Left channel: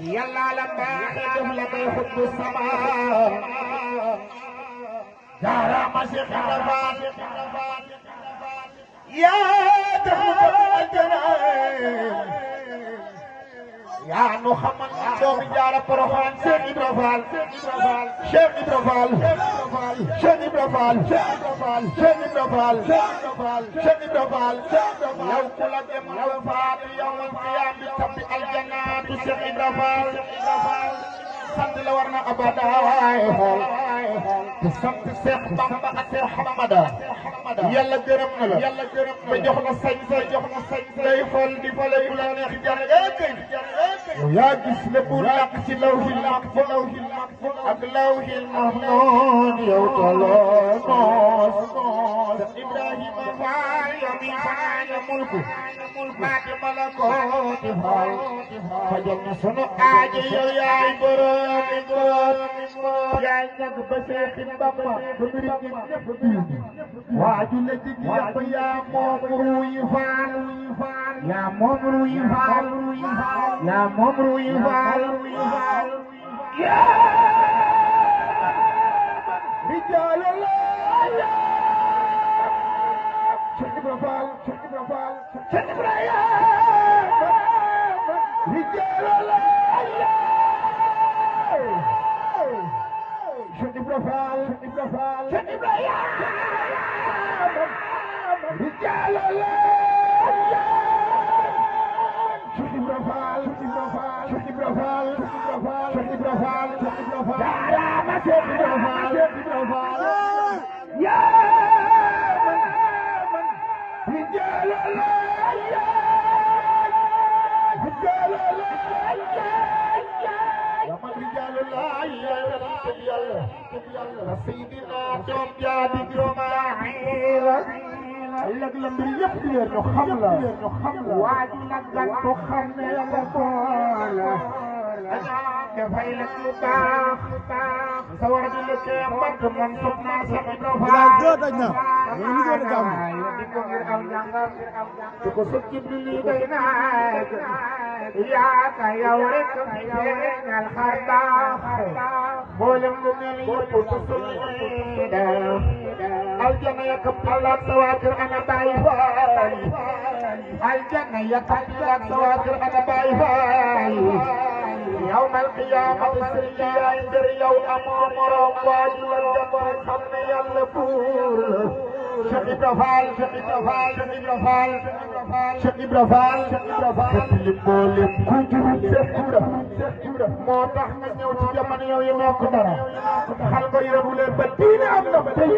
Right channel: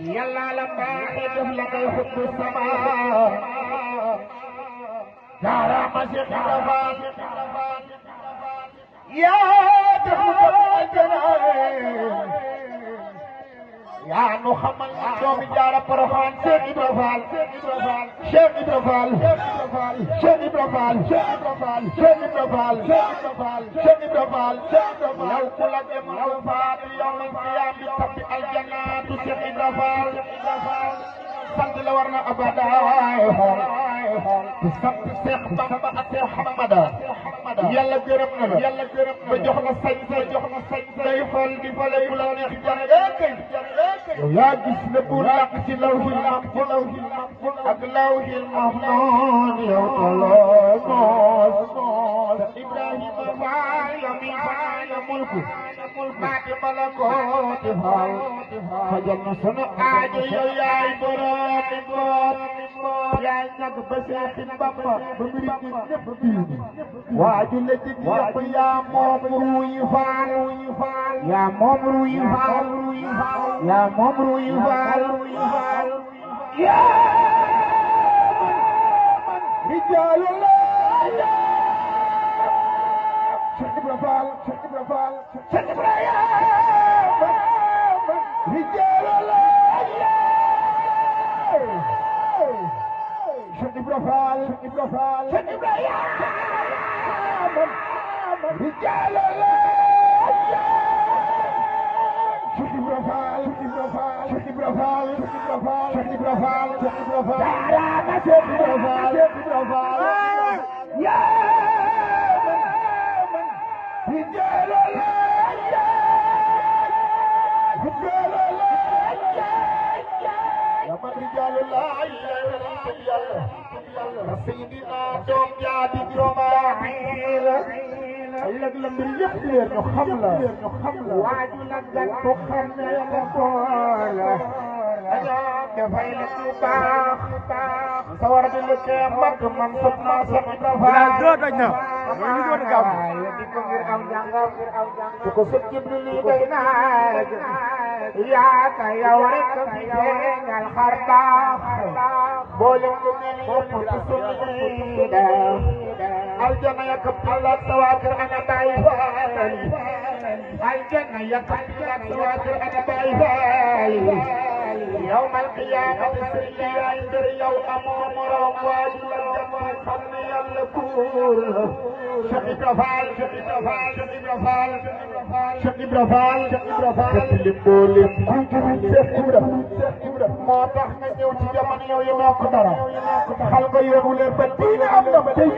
يلا لما يدف لك يحب السماء دار مسيح رفاق يا تخلق الجنان يا محمد دوم جار بروفان شيخ إبراهيم شيخ إبراهيم شيخ إبراهيم شيخ إبراهيم شيخ إبراهيم يوم كل يوم فات يوم القيامة تبي الجنة شيخ إبراهيم sant la war na abada sant Seex Bamba ak Seex Muhammad yàlla gërëm na la ba jox na sañ-sañ day fal di fale bu la neex yow yaa gis lépp làq ci lawhil ak lawhil mahfuus yow tolloos Ibrahima faal ya mi faal ya mulku maati malakooti faal fa jox na sunu aajo yow yaay borom yaay ñag ba Seex Bamba ba mbiri gi ñëpp biir waaju la jig yàpp yaa moom ruuy faal yaa moom ruuy faal yaa moom ruuy faal yaa rijaalu laa Cheikh Ibra Faal Cheikh Ibra Faal Cheikh Ibra rijaalu laa Cheikh Ibra Faal Cheikh Ibra rijaalu laa Cheikh Ibra Faal Cheikh Ibra Faal Cheikh Ibra Faal jaaraama Cheikh Ibra Faal yaa rijaalu laa man rijaalu laa سيدنا دوم جادي إسماعيل لك لمبر يëpp leer ñu xam la waaju la gàttu xam ne la bool dañoo dafay la lu baax sa war di lëkkee mat man sopp naa sax dafa di ko ngir aw njàngam di ko sëg ci bi lii day naaj yaa ka yow rek fi feeñal xar baax boolem lu mel yëpp ci suñu aljana yakab pilak sawakir ana bayi faali aljana yakab pilak sawakir ana bayi faali yawmal qiyamati sirri ay der yow amoo morom waaju la jàppal xam ne yàlla buur la Cheikh Ibra Faal Cheikh Ibra Faal Cheikh Ibra Faal Cheikh Ibra Faal li mboolem ku jurit Cheikh Ibra moo tax nga ñëw ci jamono yow yi moo ko dara xal ko yóbbu leen ba diine am na ba tey